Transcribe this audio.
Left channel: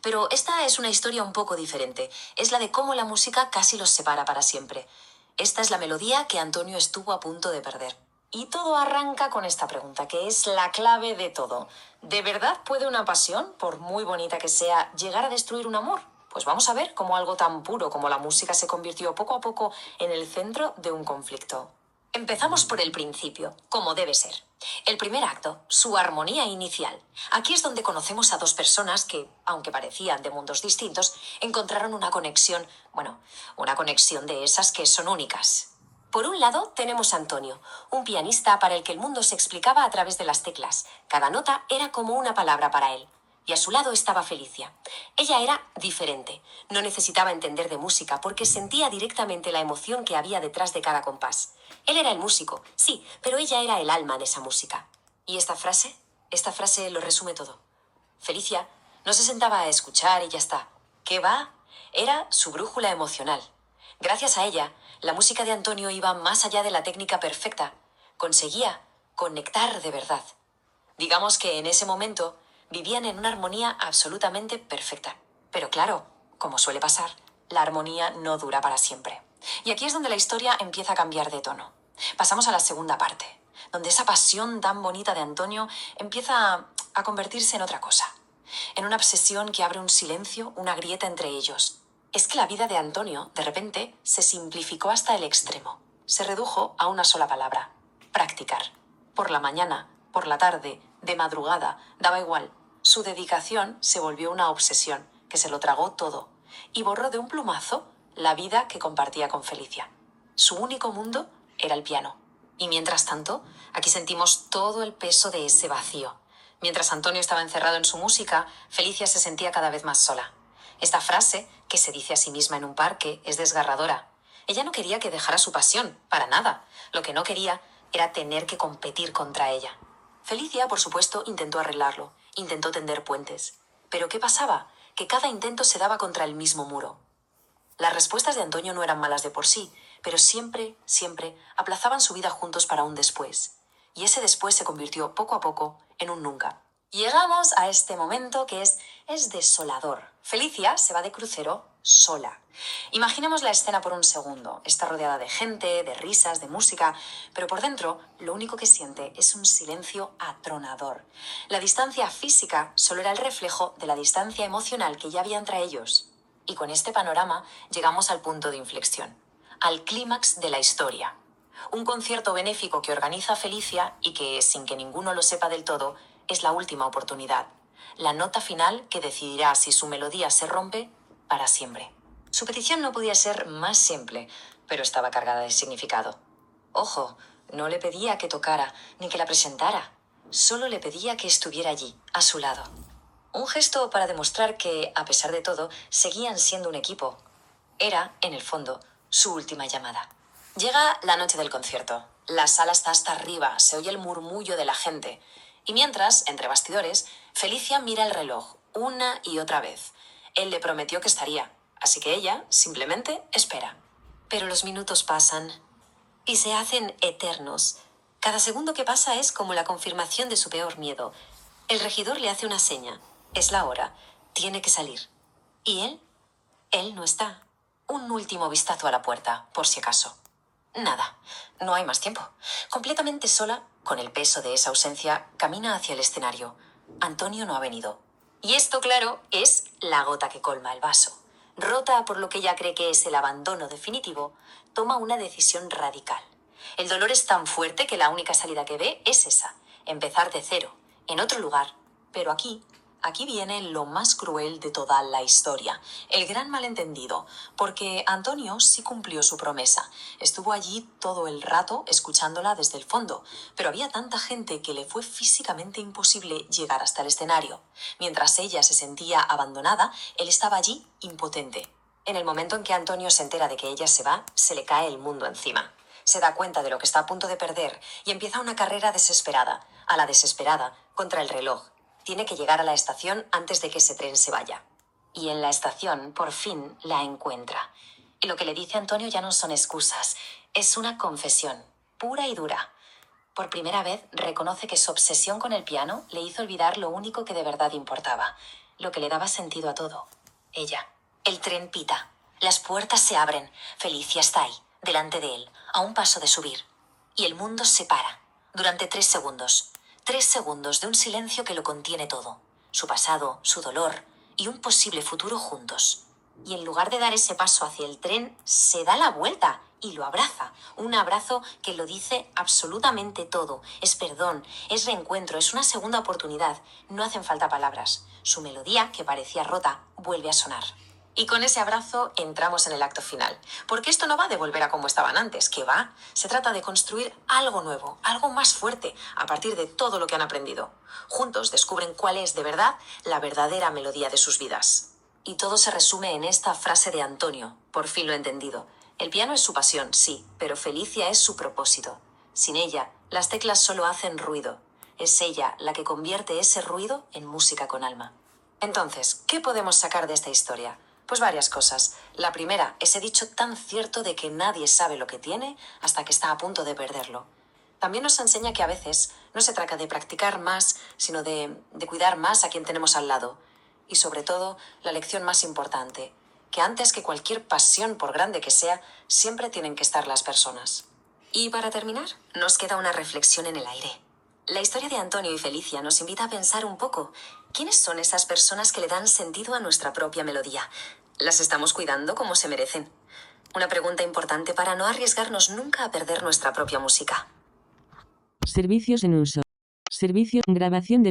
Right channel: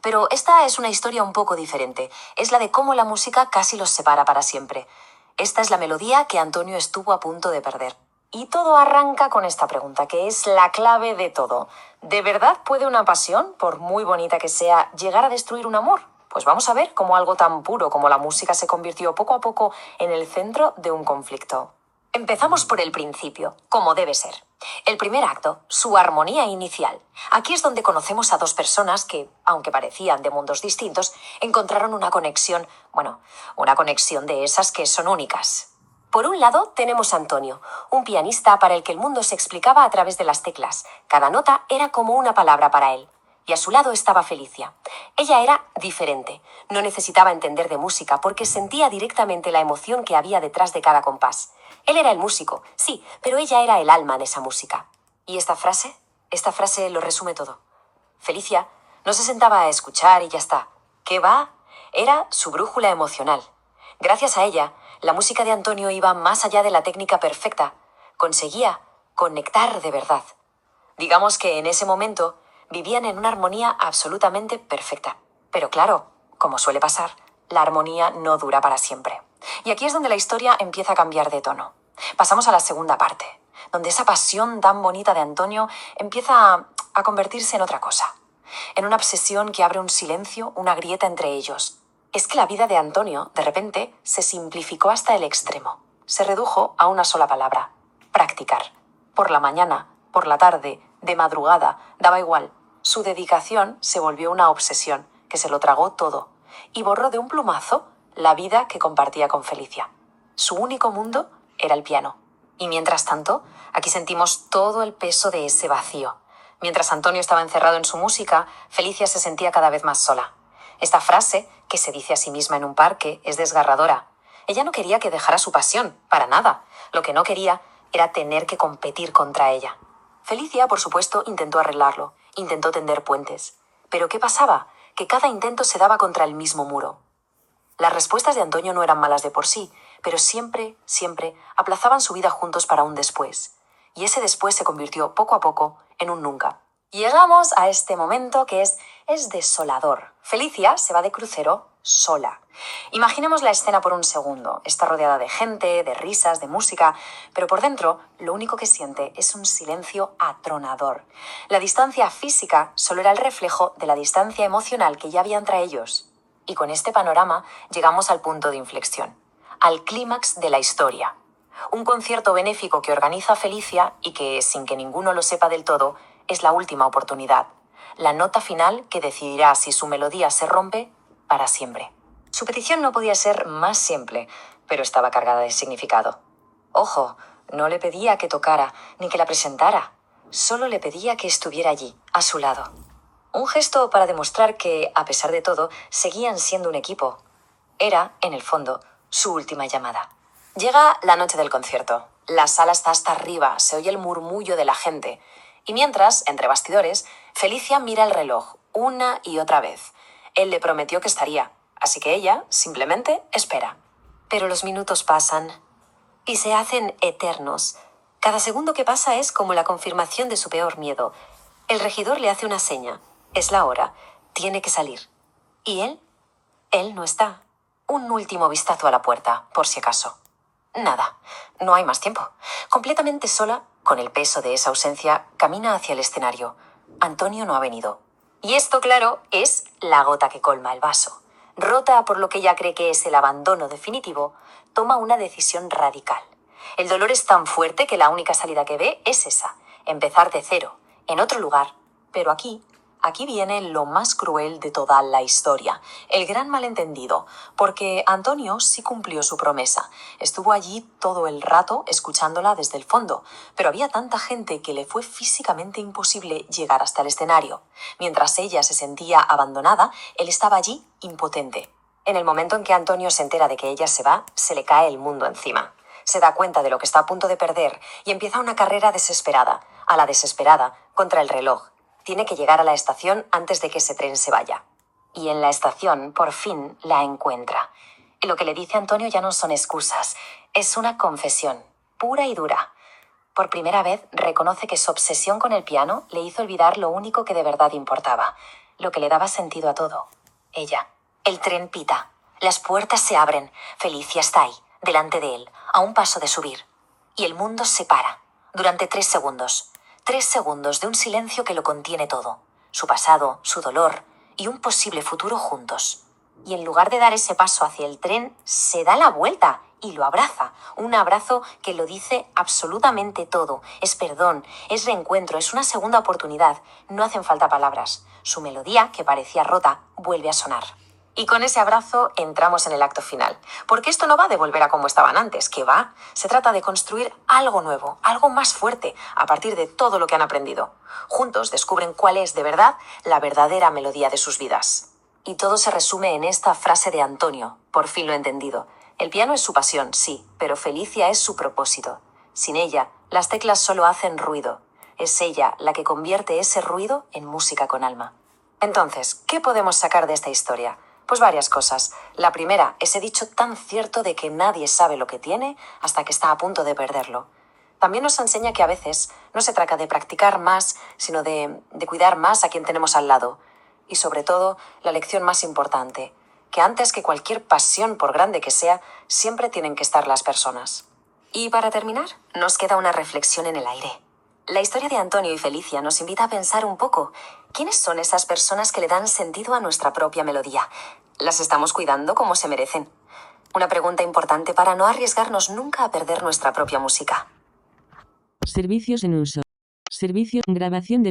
pero esta es una historia un poco diferente. Es la de cómo la música casi los separa para siempre. Esta es la melodía que Antonio estuvo a punto de perder. Y todo arranca con esta pregunta, que es la clave de todo. ¿De verdad puede una pasión, por muy bonita que sea, llegar a destruir un amor? Pues vamos a ver cómo algo tan puro como la música se convirtió poco a poco en el centro de un conflicto. Empezamos por el principio, como debe ser. El primer acto, su armonía inicial. Aquí es donde conocemos a dos personas que, aunque parecían de mundos distintos, encontraron una conexión, una conexión de esas que son únicas. Por un lado, tenemos a Antonio, un pianista para el que el mundo se explicaba a través de las teclas. Cada nota era como una palabra para él. Y a su lado estaba Felicia. Ella era diferente. No necesitaba entender de música porque sentía directamente la emoción que había detrás de cada compás. Él era el músico, sí, pero ella era el alma de esa música. ¿Y esta frase? Esta frase lo resume todo. Felicia no se sentaba a escuchar y ya está. ¿Qué va? Era su brújula emocional. Gracias a ella, la música de Antonio iba más allá de la técnica perfecta. Conseguía conectar de verdad. Digamos que en ese momento vivían en una armonía absolutamente perfecta. Pero claro, como suele pasar, la armonía no dura para siempre. Y aquí es donde la historia empieza a cambiar de tono. Pasamos a la segunda parte, donde esa pasión tan bonita de Antonio empieza a convertirse en otra cosa. En una obsesión que abre un silencio, una grieta entre ellos. Es que la vida de Antonio, de repente, se simplificó hasta el extremo. Se redujo a una sola palabra: practicar. Por la mañana, por la tarde, de madrugada, daba igual. Su dedicación se volvió una obsesión, que se lo tragó todo, y borró de un plumazo la vida que compartía con Felicia. Su único mundo era el piano. Y mientras tanto, aquí sentimos todo el peso de ese vacío. Mientras Antonio estaba encerrado en su música, Felicia se sentía cada vez más sola. Esta frase, que se dice a sí misma en un parque, es desgarradora. Ella no quería que dejara su pasión, para nada. Lo que no quería era tener que competir contra ella. Felicia, por supuesto, intentó arreglarlo, intentó tender puentes. Pero ¿qué pasaba? Que cada intento se daba contra el mismo muro. Las respuestas de Antonio no eran malas de por sí, pero siempre aplazaban su vida juntos para un después. Y ese después se convirtió poco a poco en un nunca. Llegamos a este momento que es desolador. Felicia se va de crucero sola. Imaginemos la escena por un segundo. Está rodeada de gente, de risas, de música, pero por dentro lo único que siente es un silencio atronador. La distancia física solo era el reflejo de la distancia emocional que ya había entre ellos. Y con este panorama llegamos al punto de inflexión, al clímax de la historia. Un concierto benéfico que organiza Felicia y que, sin que ninguno lo sepa del todo, es la última oportunidad. La nota final que decidirá si su melodía se rompe para siempre. Su petición no podía ser más simple, pero estaba cargada de significado. Ojo, no le pedía que tocara ni que la presentara. Solo le pedía que estuviera allí, a su lado. Un gesto para demostrar que, a pesar de todo, seguían siendo un equipo. Era, en el fondo, su última llamada. Llega la noche del concierto. La sala está hasta arriba, se oye el murmullo de la gente. Y mientras, entre bastidores, Felicia mira el reloj una y otra vez. Él le prometió que estaría, así que ella simplemente espera. Pero los minutos pasan y se hacen eternos. Cada segundo que pasa es como la confirmación de su peor miedo. El regidor le hace una seña. Es la hora. Tiene que salir. ¿Y él? Él no está. Un último vistazo a la puerta, por si acaso. Nada. No hay más tiempo. Completamente sola, con el peso de esa ausencia, camina hacia el escenario. Antonio no ha venido. Y esto, claro, es la gota que colma el vaso. Rota por lo que ella cree que es el abandono definitivo, toma una decisión radical. El dolor es tan fuerte que la única salida que ve es esa, empezar de cero, en otro lugar. Pero aquí viene lo más cruel de toda la historia, el gran malentendido, porque Antonio sí cumplió su promesa. Estuvo allí todo el rato escuchándola desde el fondo, pero había tanta gente que le fue físicamente imposible llegar hasta el escenario. Mientras ella se sentía abandonada, él estaba allí impotente. En el momento en que Antonio se entera de que ella se va, se le cae el mundo encima. Se da cuenta de lo que está a punto de perder y empieza una carrera desesperada, a la desesperada, contra el reloj. Tiene que llegar a la estación antes de que ese tren se vaya. Y en la estación, por fin, la encuentra. Y lo que le dice Antonio ya no son excusas. Es una confesión, pura y dura. Por primera vez reconoce que su obsesión con el piano le hizo olvidar lo único que de verdad importaba: lo que le daba sentido a todo. Ella. El tren pita. Las puertas se abren. Felicia está ahí, delante de él, a un paso de subir. Y el mundo se para. Durante 3 segundos. 3 segundos de un silencio que lo contiene todo. Su pasado, su dolor y un posible futuro juntos. Y en lugar de dar ese paso hacia el tren, se da la vuelta y lo abraza. Un abrazo que lo dice absolutamente todo. Es perdón, es reencuentro, es una segunda oportunidad. No hacen falta palabras. Su melodía, que parecía rota, vuelve a sonar. Y con ese abrazo entramos en el acto final. Porque esto no va de volver a como estaban antes, que va. Se trata de construir algo nuevo, algo más fuerte, a partir de todo lo que han aprendido. Juntos descubren cuál es, de verdad, la verdadera melodía de sus vidas. Y todo se resume en esta frase de Antonio. Por fin lo he entendido. El piano es su pasión, sí, pero Felicia es su propósito. Sin ella, las teclas solo hacen ruido. Es ella la que convierte ese ruido en música con alma. Entonces, ¿qué podemos sacar de esta historia? Pues varias cosas. La primera, ese dicho tan cierto de que nadie sabe lo que tiene hasta que está a punto de perderlo. También nos enseña que a veces no se trata de practicar más, sino de cuidar más a quien tenemos al lado. Y sobre todo, la lección más importante, que antes que cualquier pasión, por grande que sea, siempre tienen que estar las personas. Y para terminar, nos queda una reflexión en el aire. La historia de Antonio y Felicia nos invita a pensar un poco. ¿Quiénes son esas personas que le dan sentido a nuestra propia melodía? ¿Las estamos cuidando como se merecen? Una pregunta importante para no arriesgarnos nunca a perder nuestra propia música. Servicios en uso. Servicio, grabación del